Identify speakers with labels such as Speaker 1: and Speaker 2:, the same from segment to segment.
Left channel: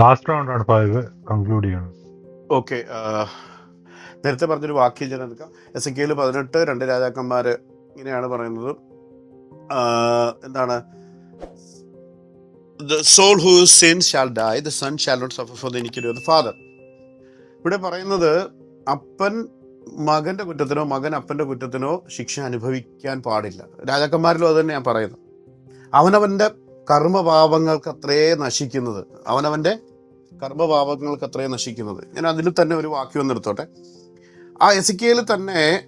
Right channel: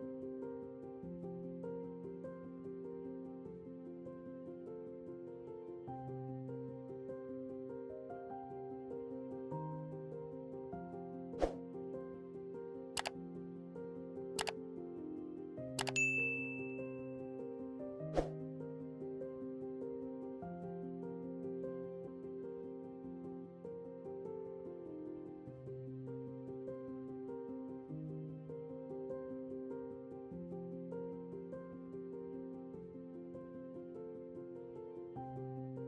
Speaker 1: Last round five conclude ചെയ്യണം.
Speaker 2: Okay നേരത്തെ പറഞ്ഞൊരു വാക്യം ഞാൻ എടുക്കാം. എസ് എ കെയിൽ പതിനെട്ട് രണ്ട് രാജാക്കന്മാർ ഇങ്ങനെയാണ് പറയുന്നത്. എന്താണ്? The soul who sin shall die the son shall not suffer for the എനിക്ക് ദ ഫാദർ ഇവിടെ പറയുന്നത് അപ്പൻ മകന്റെ കുറ്റത്തിനോ മകൻ അപ്പന്റെ കുറ്റത്തിനോ ശിക്ഷ അനുഭവിക്കാൻ പാടില്ല. രാജാക്കന്മാരിലും അത് തന്നെ ഞാൻ പറയുന്നത്. അവനവന്റെ കർമ്മപാപങ്ങൾക്ക് അത്രേ നശിക്കുന്നത്. അവനവന്റെ കർമ്മപാപങ്ങൾക്ക് അത്രയും നശിക്കുന്നത്. ഞാൻ അതിൽ തന്നെ ഒരു വാക്യം ഒന്ന് എടുത്തോട്ടെ. ആ എസിക്കയിൽ തന്നെ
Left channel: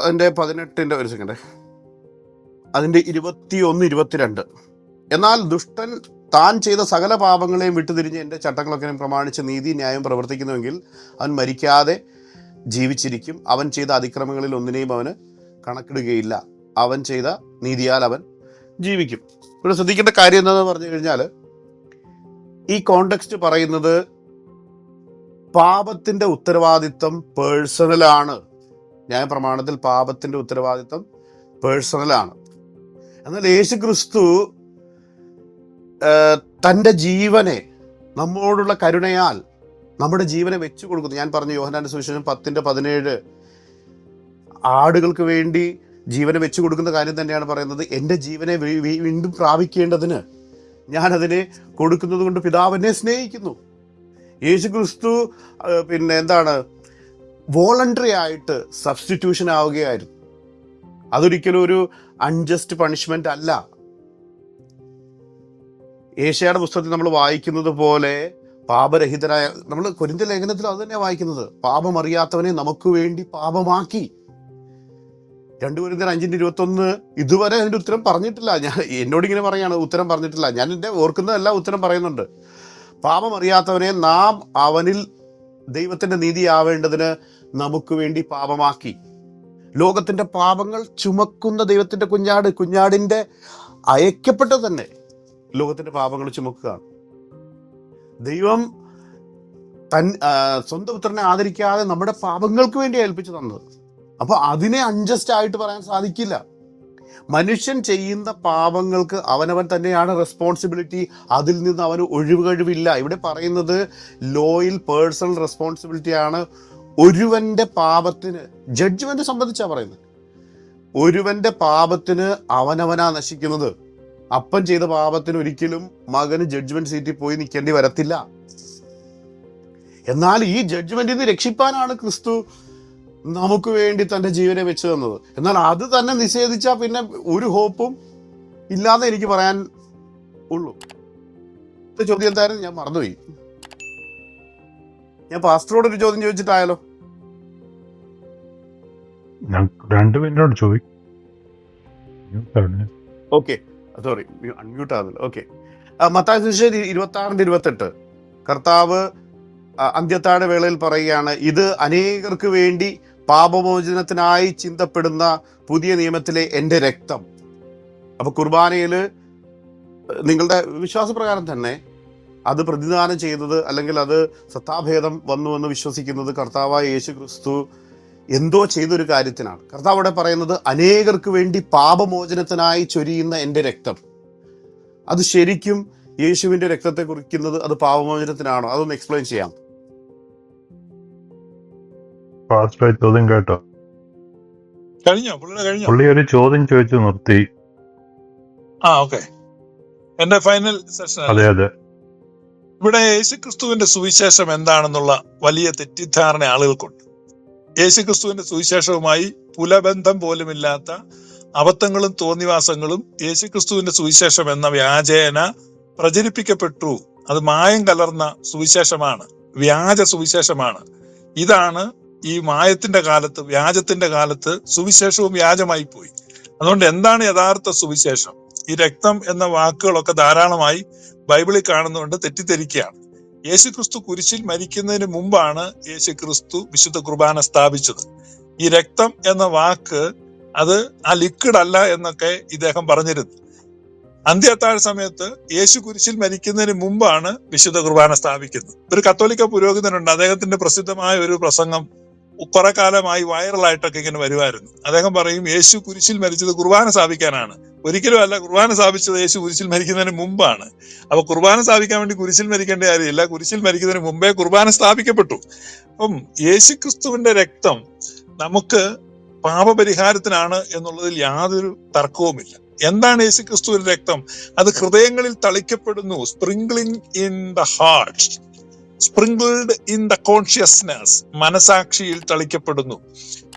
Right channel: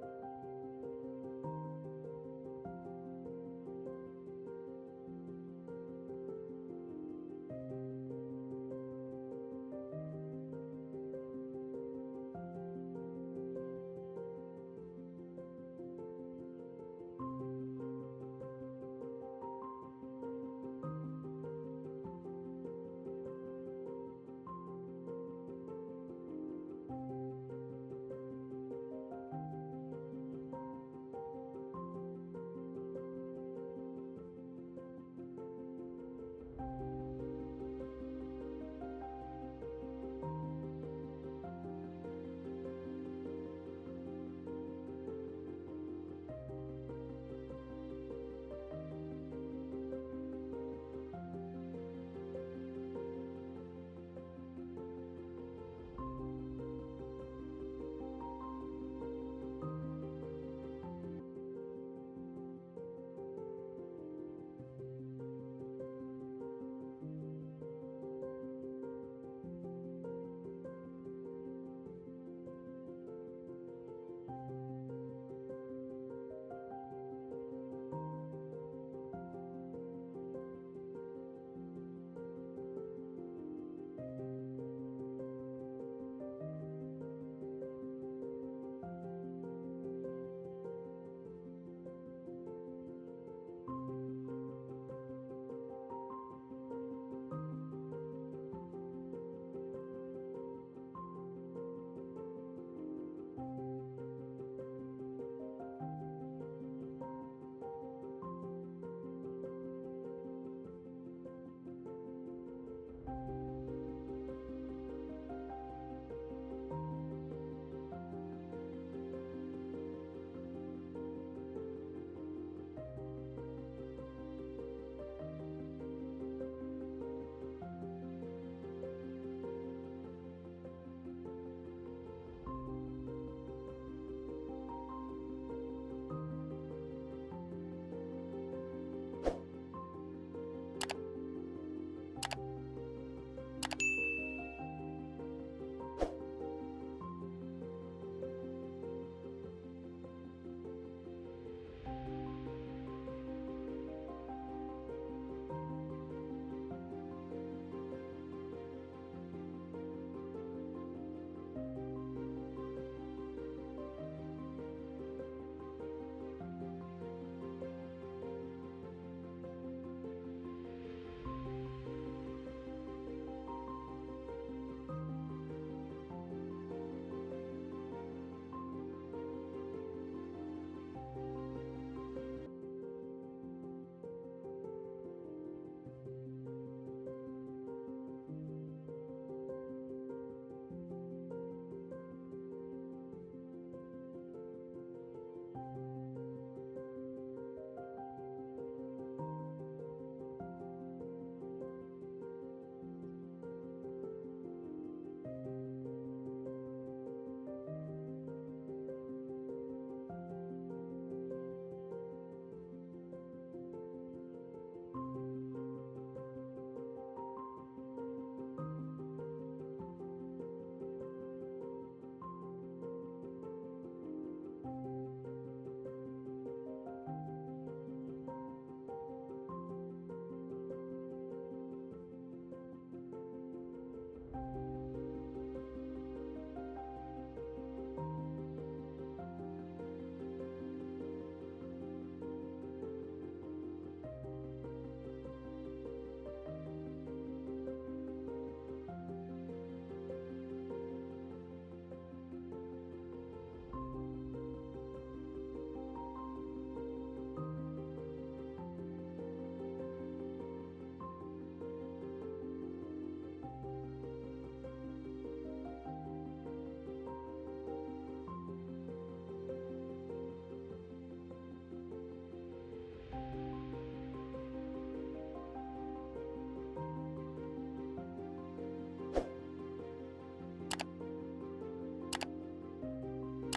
Speaker 2: അതിന്റെ പതിനെട്ടിന്റെ ഒരു സെക്കൻഡ് അതിന്റെ ഇരുപത്തി ഒന്ന് ഇരുപത്തിരണ്ട്. എന്നാൽ ദുഷ്ടൻ താൻ ചെയ്ത സകല പാപങ്ങളെയും വിട്ടുതിരിഞ്ഞ് എന്റെ ചട്ടങ്ങളൊക്കെ പ്രമാണിച്ച് നീതി ന്യായം പ്രവർത്തിക്കുന്നുവെങ്കിൽ അവൻ മരിക്കാതെ ജീവിച്ചിരിക്കും. അവൻ ചെയ്ത അതിക്രമങ്ങളിൽ ഒന്നിനെയും അവന് കണക്കിടുകയില്ല. അവൻ ചെയ്ത നീതിയാൽ അവൻ ജീവിക്കും. ഇവിടെ ശ്രദ്ധിക്കേണ്ട കാര്യം എന്താണെന്ന് പറഞ്ഞു കഴിഞ്ഞാൽ ഈ കോണ്ടെക്സ്റ്റ് പറയുന്നത് പാപത്തിന്റെ ഉത്തരവാദിത്വം പേഴ്സണലാണ് ന്യായ പ്രമാണത്തിൽ പാപത്തിന്റെ ഉത്തരവാദിത്വം പേഴ്സണലാണ് എന്നാൽ യേശു ക്രിസ്തു തന്റെ ജീവനെ നമ്മോടുള്ള കരുണയാൽ നമ്മുടെ ജീവനെ വെച്ചു കൊടുക്കുന്നു. ഞാൻ പറഞ്ഞു യോഹനാന്റെ സുവിശേഷം പത്തിന്റെ പതിനേഴ്. ആടുകൾക്ക് വേണ്ടി ജീവനെ വെച്ചു കൊടുക്കുന്ന കാര്യം തന്നെയാണ് പറയുന്നത്. എന്റെ ജീവനെ വീണ്ടും പ്രാപിക്കേണ്ടതിന് ഞാൻ അതിനെ കൊടുക്കുന്നത് കൊണ്ട് പിതാവ് എന്നെ സ്നേഹിക്കുന്നു. യേശു ക്രിസ്തു പിന്നെ എന്താണ് വോളണ്ടറി ആയിട്ട് സബ്സ്റ്റിറ്റ്യൂഷൻ ആവുകയായിരുന്നു. അതൊരിക്കലും ഒരു അൺജസ്റ്റ് പണിഷ്മെന്റ് അല്ല. ഏഷ്യയുടെ പുസ്തകത്തിൽ നമ്മൾ വായിക്കുന്നത് പോലെ പാപരഹിതരായ നമ്മൾ കൊരിന്ത ലേഖനത്തിൽ അത് തന്നെയാണ് വായിക്കുന്നത്. പാപമറിയാത്തവനെ നമുക്ക് വേണ്ടി പാപമാക്കി. രണ്ടു കൊരിന്തർ അഞ്ചിന്റെ ഇരുപത്തി ഒന്ന് ഇതുവരെ അതിന്റെ ഉത്തരം പറഞ്ഞിട്ടില്ല. ഞാൻ എന്നോട് ഇങ്ങനെ പറയാണ് ഉത്തരം പറഞ്ഞിട്ടില്ല. ഞാൻ എന്റെ ഓർക്കുന്നതല്ല ഉത്തരം പറയുന്നുണ്ട്. പാപം അറിയാത്തവനെ നാം അവനിൽ ദൈവത്തിന്റെ നീതി ആവേണ്ടതിന് നമുക്ക് വേണ്ടി പാപമാക്കി. ലോകത്തിന്റെ പാപങ്ങൾ ചുമക്കുന്ന ദൈവത്തിന്റെ കുഞ്ഞാട് കുഞ്ഞാടിന്റെ അയക്കപ്പെട്ട തന്നെ ലോകത്തിന്റെ പാപങ്ങൾ ചുമക്കുക. ദൈവം തൻ സ്വന്തം പുത്രനെ ആദരിക്കാതെ നമ്മുടെ പാപങ്ങൾക്ക് വേണ്ടി ഏൽപ്പിച്ചു തന്നത്. അപ്പൊ അതിനെ അൺജസ്റ്റ് ആയിട്ട് പറയാൻ സാധിക്കില്ല. മനുഷ്യൻ ചെയ്യുന്ന പാപങ്ങൾക്ക് അവനവൻ തന്നെയാണ് റെസ്പോൺസിബിലിറ്റി അതിൽ നിന്ന് അവന് ഒഴിവ് കഴിവില്ല. ഇവിടെ പറയുന്നത് ലോയിൽ പേഴ്സണൽ റെസ്പോൺസിബിലിറ്റി ആണ്. ഒരുവന്റെ പാപത്തിന് ജഡ്ജ്മെന്റ് സംബന്ധിച്ചാണ് പറയുന്നത്. ഒരുവന്റെ പാപത്തിന് അവനവനാ നശിക്കുന്നത്. അപ്പൻ ചെയ്ത പാപത്തിന് ഒരിക്കലും മകന് ജഡ്ജ്മെന്റ് സീറ്റിൽ പോയി നിൽക്കേണ്ടി വരത്തില്ല. എന്നാൽ ഈ ജഡ്ജ്മെന്റിൽ നിന്ന് രക്ഷിപ്പാനാണ് ക്രിസ്തു നമുക്ക് വേണ്ടി തന്റെ ജീവനെ വെച്ചു തന്നത്. എന്നാൽ അത് തന്നെ നിഷേധിച്ചാൽ പിന്നെ ഒരു ഹോപ്പും ഇല്ലാതെ എനിക്ക് പറയാൻ ഉള്ളൂ. ചോദ്യം എന്തായാലും ഞാൻ മറന്നുപോയി. ഞാൻ പാസ്റ്ററോട് ഒരു ചോദ്യം ചോദിച്ചിട്ടായാലോ
Speaker 1: രണ്ട് മിനിറ്റോട് ചോദിക്കും
Speaker 2: ഓക്കെ. സോറി അൺമ്യൂട്ട് ആകുന്നില്ല ഓക്കെ. മത്തായ സുശേരി ഇരുപത്തി ആറിന്റെ ഇരുപത്തെട്ട്. കർത്താവ് അന്ത്യത്താഴ വേളയിൽ പറയുകയാണ് ഇത് അനേകർക്ക് വേണ്ടി പാപമോചനത്തിനായി ചിന്തപ്പെടുന്ന പുതിയ നിയമത്തിലെ എന്റെ രക്തം. അപ്പൊ കുർബാനയിൽ നിങ്ങളുടെ വിശ്വാസപ്രകാരം തന്നെ അത് പ്രതിദാനം ചെയ്തത് അല്ലെങ്കിൽ അത് സത്താഭേദം വന്നു എന്ന് വിശ്വസിക്കുന്നത് കർത്താവായ യേശു ക്രിസ്തു എന്തോ ചെയ്തൊരു കാര്യത്തിനാണ്. കർത്താവ് അവിടെ പറയുന്നത് അനേകർക്ക് വേണ്ടി പാപമോചനത്തിനായി ചൊരിയുന്ന എന്റെ രക്തം. അത് ശരിക്കും യേശുവിന്റെ രക്തത്തെ കുറിക്കുന്നത് അത് പാപമോചനത്തിനാണോ? അതൊന്ന് എക്സ്പ്ലെയിൻ ചെയ്യാം
Speaker 1: ഫാസ്റ്റ് ചോദ്യം കേട്ടോ.
Speaker 3: കഴിഞ്ഞോ? പുള്ളിയുടെ കഴിഞ്ഞോ?
Speaker 1: പുള്ളി ഒരു ചോദ്യം ചോദിച്ചു നിർത്തി.
Speaker 3: ആ ഓക്കെ. എന്റെ ഫൈനൽ സെഷൻ
Speaker 1: അതെ അതെ.
Speaker 3: ഇവിടെ യേശുക്രിസ്തുവിന്റെ സുവിശേഷം എന്താണെന്നുള്ള വലിയ തെറ്റിദ്ധാരണ ആളുകൾക്കുണ്ട്. യേശുക്രിസ്തുവിന്റെ സുവിശേഷവുമായി പുലബന്ധം പോലുമില്ലാത്ത അബദ്ധങ്ങളും തോന്നിവാസങ്ങളും യേശുക്രിസ്തുവിന്റെ സുവിശേഷം എന്ന വ്യാജേന പ്രചരിപ്പിക്കപ്പെട്ടു. അത് മായം കലർന്ന സുവിശേഷമാണ്. വ്യാജ സുവിശേഷമാണ്. ഇതാണ് ഈ മായത്തിന്റെ കാലത്ത് വ്യാജത്തിന്റെ കാലത്ത് സുവിശേഷവും വ്യാജമായി പോയി. അതുകൊണ്ട് എന്താണ് യഥാർത്ഥ സുവിശേഷം? ഈ രക്തം എന്ന വാക്കുകളൊക്കെ ധാരാളമായി ബൈബിളിൽ കാണുന്നുകൊണ്ട് തെറ്റിദ്ധരിക്കുകയാണ്. യേശുക്രിസ്തു കുരിശിൽ മരിക്കുന്നതിന് മുമ്പാണ് യേശുക്രിസ്തു വിശുദ്ധ കുർബാന സ്ഥാപിച്ചത്. ഈ രക്തം എന്ന വാക്ക് അത് ആ ലിക്വിഡ് അല്ല എന്നൊക്കെ ഇദ്ദേഹം പറഞ്ഞിരുന്നു. അന്ത്യത്താഴ സമയത്ത് യേശു കുരിശിൽ മരിക്കുന്നതിന് മുമ്പാണ് വിശുദ്ധ കുർബാന സ്ഥാപിക്കുന്നത്. ഒരു കത്തോലിക്ക പുരോഹിതനുണ്ട്. അദ്ദേഹത്തിന്റെ പ്രസിദ്ധമായ ഒരു പ്രസംഗം കുറെ കാലമായി വൈറലായിട്ടൊക്കെ ഇങ്ങനെ വരുമായിരുന്നു അദ്ദേഹം പറയും യേശു കുരിശിൽ മരിച്ചത് കുർബാന സ്ഥാപിക്കാനാണ് ഒരിക്കലും അല്ല കുർബാന സ്ഥാപിച്ചത് യേശു കുരിശിൽ മരിക്കുന്നതിന് മുമ്പാണ്. അപ്പൊ കുർബാന സ്ഥാപിക്കാൻ വേണ്ടി കുരിശിൽ മരിക്കേണ്ട കാര്യമില്ല. കുരിശിൽ മരിക്കുന്നതിന് മുമ്പേ കുർബാന സ്ഥാപിക്കപ്പെട്ടു. അപ്പം യേശു ക്രിസ്തുവിന്റെ രക്തം നമുക്ക് പാപപരിഹാരത്തിനാണ് എന്നുള്ളതിൽ യാതൊരു തർക്കവുമില്ല. എന്താണ് യേശു ക്രിസ്തുവിന്റെ രക്തം? അത് ഹൃദയങ്ങളിൽ തളിക്കപ്പെടുന്നു. Sprinkling in the heart sprinkled in the consciousness മനസാക്ഷിയിൽ തളിക്കപ്പെടുന്നു.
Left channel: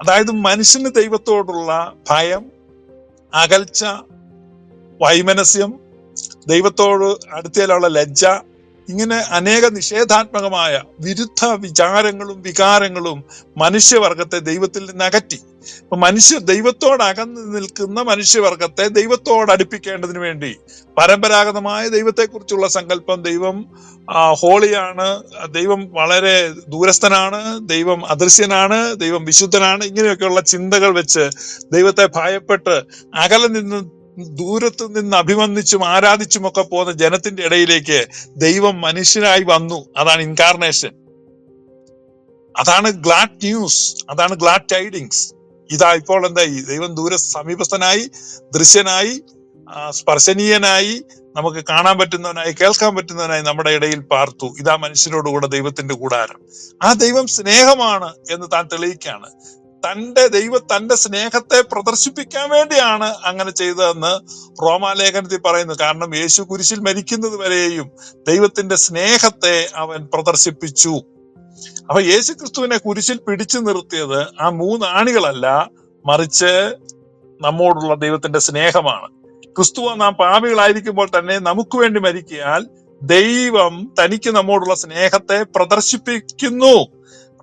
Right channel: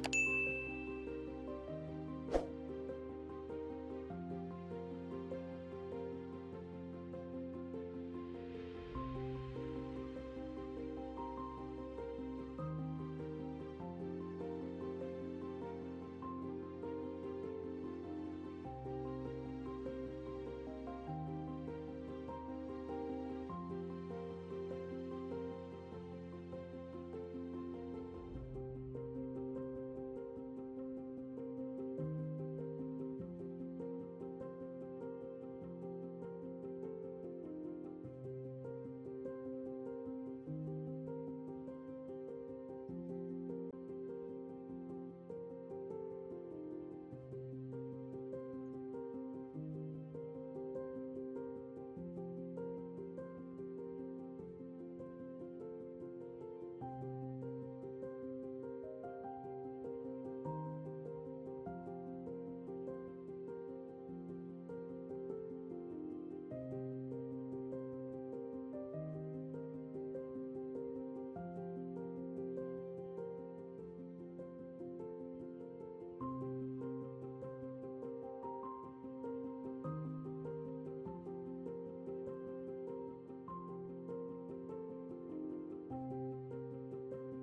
Speaker 3: അതായത് മനുഷ്യന് ദൈവത്തോടുള്ള ഭയം അകൽച്ച വൈമനസ്യം ദൈവത്തോട് അടുത്തേലുള്ള ലജ്ജ ഇങ്ങനെ അനേക നിഷേധാത്മകമായ വിരുദ്ധ വിചാരങ്ങളും വികാരങ്ങളും മനുഷ്യവർഗത്തെ ദൈവത്തിൽ നിന്ന് അകറ്റി. അപ്പൊ മനുഷ്യ ദൈവത്തോട് അകന്നു നിൽക്കുന്ന മനുഷ്യവർഗത്തെ ദൈവത്തോട് അടുപ്പിക്കേണ്ടതിന് വേണ്ടി പരമ്പരാഗതമായ ദൈവത്തെക്കുറിച്ചുള്ള സങ്കല്പം ദൈവം ഹോളിയാണ്. ദൈവം വളരെ ദൂരസ്ഥനാണ് ദൈവം അദൃശ്യനാണ് ദൈവം വിശുദ്ധനാണ്. ഇങ്ങനെയൊക്കെയുള്ള ചിന്തകൾ വെച്ച് ദൈവത്തെ ഭയപ്പെട്ട് അകലെ നിന്ന് ദൂരത്ത് നിന്ന് അഭിമന്ദിച്ചും ആരാധിച്ചും ഒക്കെ പോകുന്ന ജനത്തിന്റെ ഇടയിലേക്ക് ദൈവം മനുഷ്യനായി വന്നു. അതാണ് ഇൻകാർണേഷൻ അതാണ് ഗ്ലാഡ് ന്യൂസ് അതാണ് ഗ്ലാഡ് ടൈഡിങ്സ് ഇതാ ഇപ്പോൾ എന്തായി ദൈവം ദൂര സമീപസ്ഥനായി ദൃശ്യനായി സ്പർശനീയനായി നമുക്ക് കാണാൻ പറ്റുന്നവനായി കേൾക്കാൻ പറ്റുന്നവനായി നമ്മുടെ ഇടയിൽ പാർത്തു. ഇതാ മനുഷ്യരോടുകൂടെ ദൈവത്തിന്റെ കൂടാരം. ആ ദൈവം സ്നേഹമാണ് എന്ന് താൻ തെളിയിക്കാണ് തന്റെ ദൈവ തന്റെ സ്നേഹത്തെ പ്രദർശിപ്പിക്കാൻ വേണ്ടിയാണ് അങ്ങനെ ചെയ്തതെന്ന് റോമാലേഖനത്തിൽ പറയുന്നു. കാരണം യേശു കുരിശിൽ മരിക്കുന്നത് വരെയും ദൈവത്തിന്റെ സ്നേഹത്തെ അവൻ പ്രദർശിപ്പിച്ചു. അപ്പൊ യേശു ക്രിസ്തുവിനെ കുരിശിൽ പിടിച്ചു നിർത്തിയത് ആ മൂന്ന് ആണികളല്ല മറിച്ച് നമ്മോടുള്ള ദൈവത്തിന്റെ സ്നേഹമാണ്. ക്രിസ്തുവ നാം പാപികളായിരിക്കുമ്പോൾ തന്നെ നമുക്ക് വേണ്ടി മരിക്കിയാൽ ദൈവം തനിക്ക് നമ്മോടുള്ള സ്നേഹത്തെ പ്രദർശിപ്പിക്കുന്നു.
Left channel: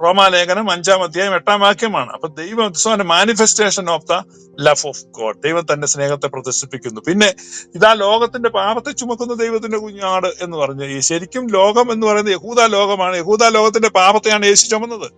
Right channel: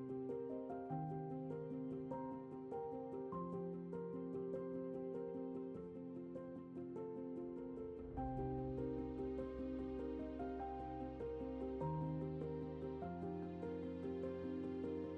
Speaker 3: റോമാലേഖനം അഞ്ചാം അധ്യായം എട്ടാം വാക്യമാണ്. അപ്പൊ ദൈവം manifestation of the love of God ദൈവം തന്റെ സ്നേഹത്തെ പ്രദർശിപ്പിക്കുന്നു. പിന്നെ ഇതാ ലോകത്തിന്റെ പാപത്തെ ചുമക്കുന്ന ദൈവത്തിന്റെ കുഞ്ഞാട് എന്ന് പറഞ്ഞു ഈ ശരിക്കും ലോകം എന്ന് പറയുന്നത് യഹൂദ ലോകമാണ്. യഹൂദ ലോകത്തിന്റെ പാപത്തെയാണ് യേശു ചുമന്നത്.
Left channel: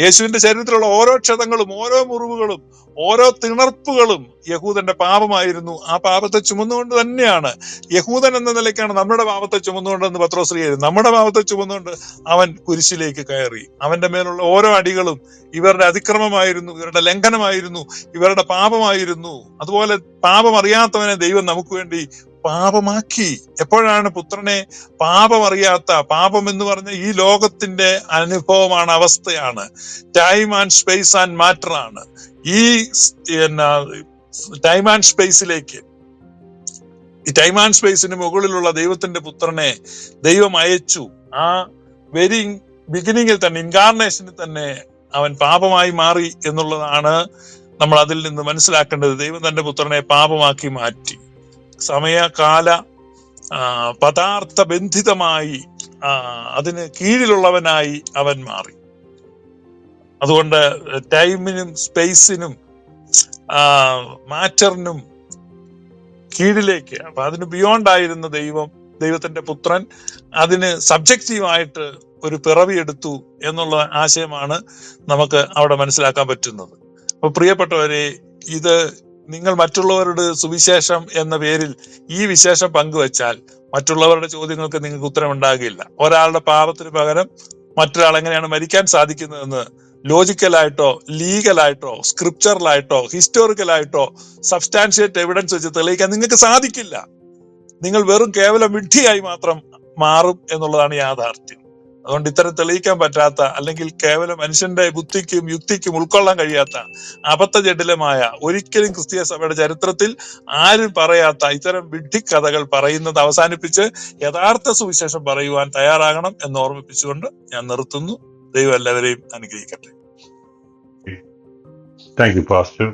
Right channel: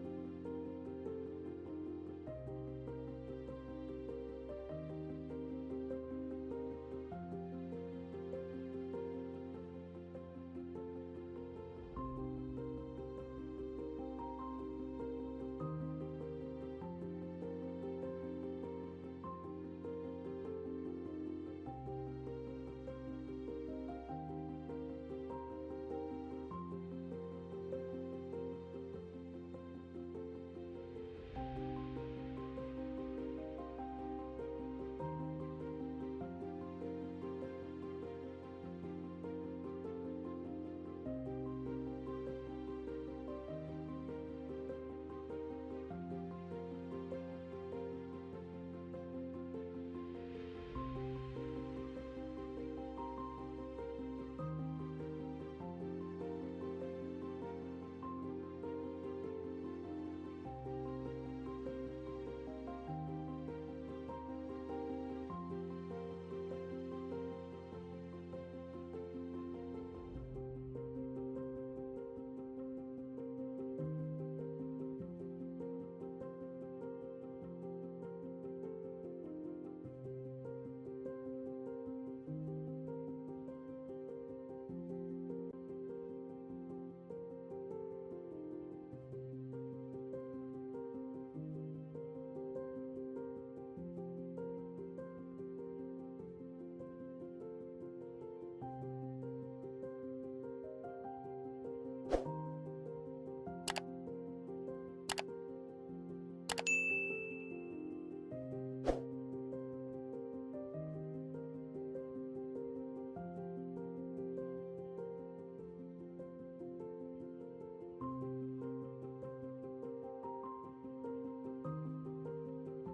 Speaker 3: യേശുവിന്റെ ശരീരത്തിലുള്ള ഓരോ ക്ഷതങ്ങളും ഓരോ മുറിവുകളും ഓരോ തിണർപ്പുകളും യഹൂദന്റെ പാപമായിരുന്നു. ആ പാപത്തെ ചുമന്നുകൊണ്ട് തന്നെയാണ്. യഹൂദൻ എന്ന നിലയ്ക്കാണ് നമ്മുടെ പാപത്തെ ചുമന്നുകൊണ്ടെന്ന് പത്രോശ്രീ നമ്മുടെ പാപത്തെ ചുമന്നുകൊണ്ട് അവൻ കുരിശിലേക്ക് കയറി. അവന്റെ മേലുള്ള ഓരോ അടികളും ഇവരുടെ അതിക്രമമായിരുന്നു ഇവരുടെ ലംഘനമായിരുന്നു ഇവരുടെ പാപമായിരുന്നു. അതുപോലെ പാപം അറിയാത്തവനെ ദൈവം നമുക്ക് വേണ്ടി പാപമാക്കി. എപ്പോഴാണ് പുത്രനെ പാപമറിയാത്ത പാപം എന്ന് പറഞ്ഞ ഈ ലോകത്തിന്റെ അനുഭവമാണ് അവസ്ഥയാണ്. Time and space and matter ആണ്. ഈ ടൈം ആൻഡ് സ്പേസിലേക്ക് ഈ ടൈം ആൻഡ് സ്പേസിന് മുകളിലുള്ള ദൈവത്തിന്റെ പുത്രനെ ദൈവം അയച്ചു. ആ വെരി ബിഗിനിങ്ങിൽ തന്നെ ഇൻകാർണേഷനിൽ തന്നെ അവൻ പാപമായി മാറി എന്നുള്ളതാണ് നമ്മൾ അതിൽ നിന്ന് മനസ്സിലാക്കേണ്ടത്. ദൈവം തന്റെ പുത്രനെ പാപമാക്കി മാറ്റി. സമയകാല പദാർത്ഥ ബന്ധിതമായി അതിന് കീഴിലുള്ളവനായി അവൻ മാറി. അതുകൊണ്ട് ടൈമിനും സ്പേസിനും മാറ്ററിനും കീഴിലേക്ക് അപ്പൊ അതിന് ബിയോണ്ട് ആയിരുന്ന ദൈവം ദൈവത്തിന്റെ പുത്രൻ അതിന് സബ്ജക്റ്റീവായിട്ട് ഒരു പിറവി എടുത്തു എന്നുള്ള ആശയമാണ് നമുക്ക് അവിടെ മനസ്സിലാക്കാൻ പറ്റുന്നത്. അപ്പൊ പ്രിയപ്പെട്ടവരെ ഇത് നിങ്ങൾ മറ്റുള്ളവരുടെ സുവിശേഷം എന്ന പേരിൽ ഈ വിശേഷം പങ്കുവച്ചാൽ മറ്റുള്ളവരുടെ ചോദ്യങ്ങൾക്ക് നിങ്ങൾക്ക് ഉത്തരം ഉണ്ടാകില്ല ഒരാളുടെ പാപത്തിന് പകരം മറ്റൊരാൾ എങ്ങനെയാണ് മരിക്കാൻ സാധിക്കുന്നതെന്ന് ലോജിക്കലായിട്ടോ ലീഗലായിട്ടോ സ്ക്രിപ്ചറലായിട്ടോ ഹിസ്റ്റോറിക്കലായിട്ടോ സബ്സ്റ്റാൻഷിയേറ്റ് എവിഡൻസ് വെച്ച് തെളിയിക്കാൻ നിങ്ങൾക്ക് സാധിക്കില്ല. നിങ്ങൾ വെറും കേവലം വിഡ്ഢിയായി മാത്രം മാറും എന്നുള്ളതാണ് യാഥാർത്ഥ്യം. അതുകൊണ്ട് ഇത്തരം തെളിയിക്കാൻ പറ്റാത്ത അല്ലെങ്കിൽ കേവലം മനുഷ്യന്റെ ബുദ്ധിക്കും യുക്തിക്കും ഉൾക്കൊള്ളാൻ കഴിയാത്ത അബദ്ധ ജഡിലമായ ഒരിക്കലും ക്രിസ്തീയ സഭയുടെ ചരിത്രത്തിൽ ആരും പറയാത്ത ഇത്തരം വിഡ്ഢിക്കഥകൾ പറയുന്നത് അവസാനിപ്പിച്ച് യഥാർത്ഥ സുവിശേഷം പറയുവാൻ തയ്യാറാകണം എന്ന് ഓർമ്മിപ്പിച്ചുകൊണ്ട് ഞാൻ നിർത്തുന്നു. ദൈവം എല്ലാവരെയും അനുഗ്രഹിക്കട്ടെ.
Speaker 1: Thank you pastor